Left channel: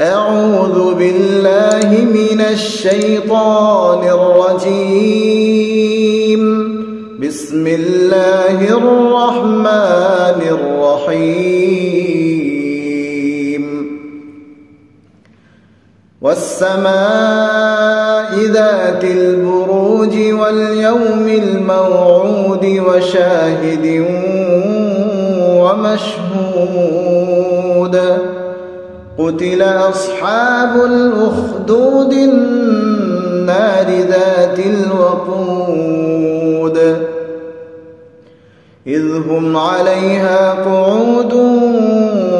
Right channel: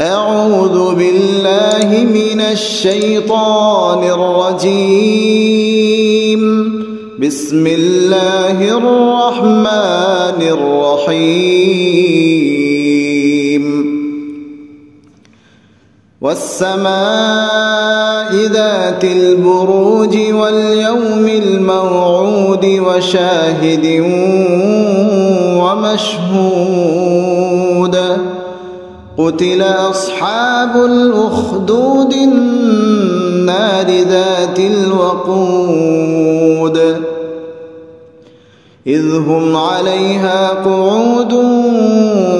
أعوذ بالله من الشيطان الرجيم. بسم الله الرحمن الرحيم. والسماء ذات البروج واليوم الموعود وشاهد ومشهود. قتل أصحاب الأخدود النار ذات الوقود إذ هم عليها قعود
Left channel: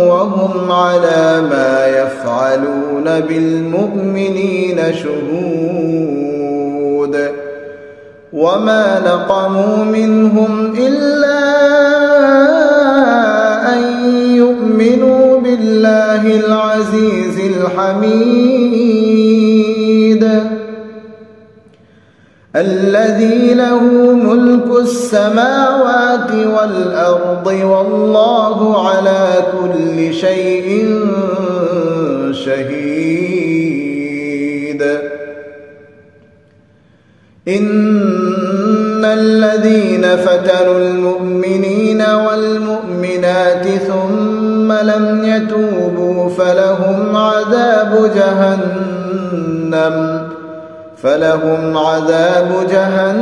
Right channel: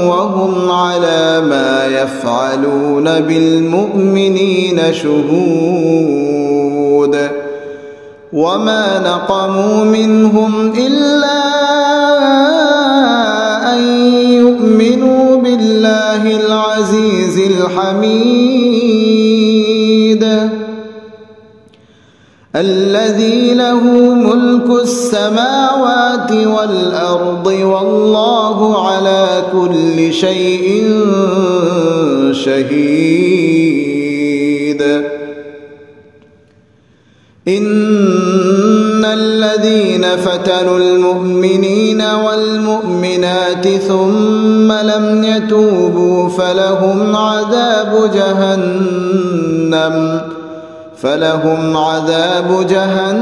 وهم على ما يفعلون بالمؤمنين شهود. وما نقموا منهم إلا أن يؤمنوا بالله العزيز الحميد الذي له ملك السماوات والأرض والله على كل شيء شهيد. إن الذين فتنوا المؤمنين والمؤمنات ثم لم يتوبوا فلهم عذاب جهنم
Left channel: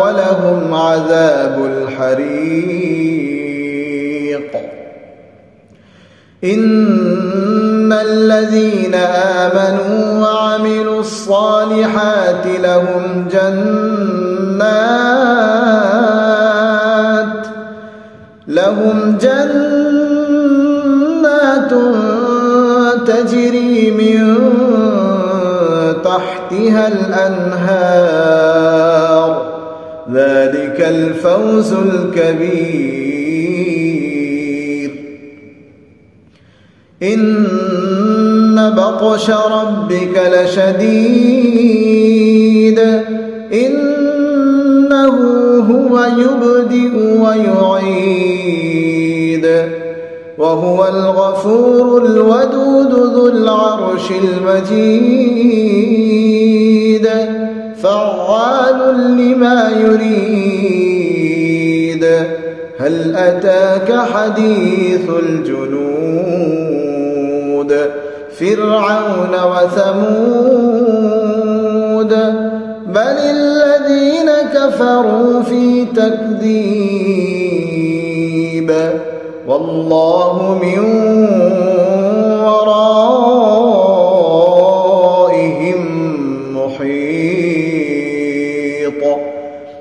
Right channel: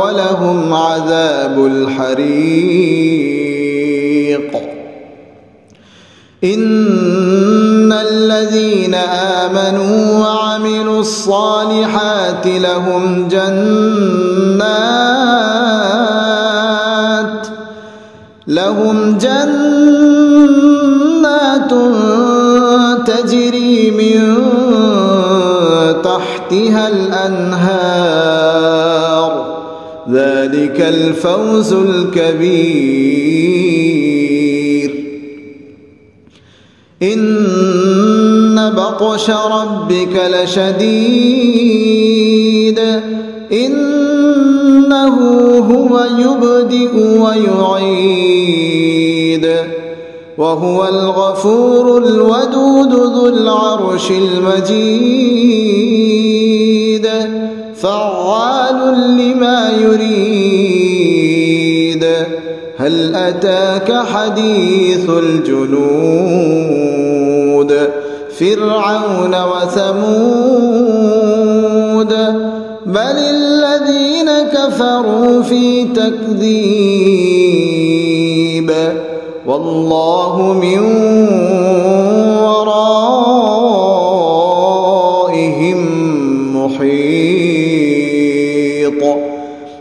ولهم عذاب الحريق. إن الذين آمنوا وعملوا الصالحات لهم جنات تجري من تحتها الأنهار ذلك الفوز الكبير. إن بطش ربك لشديد إنه هو يبدئ ويعيد وهو الغفور الودود ذو العرش المجيد فعال لما يريد. هل أتاك حديث الجنود فرعون وثمود بل الذين كفروا في تكذيب والله من ورائهم محيط.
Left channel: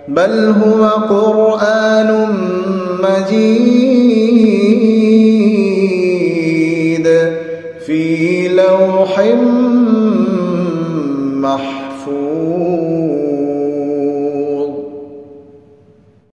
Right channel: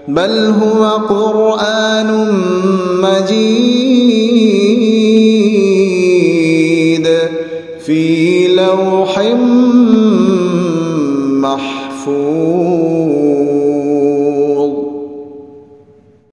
بل هو قرآن مجيد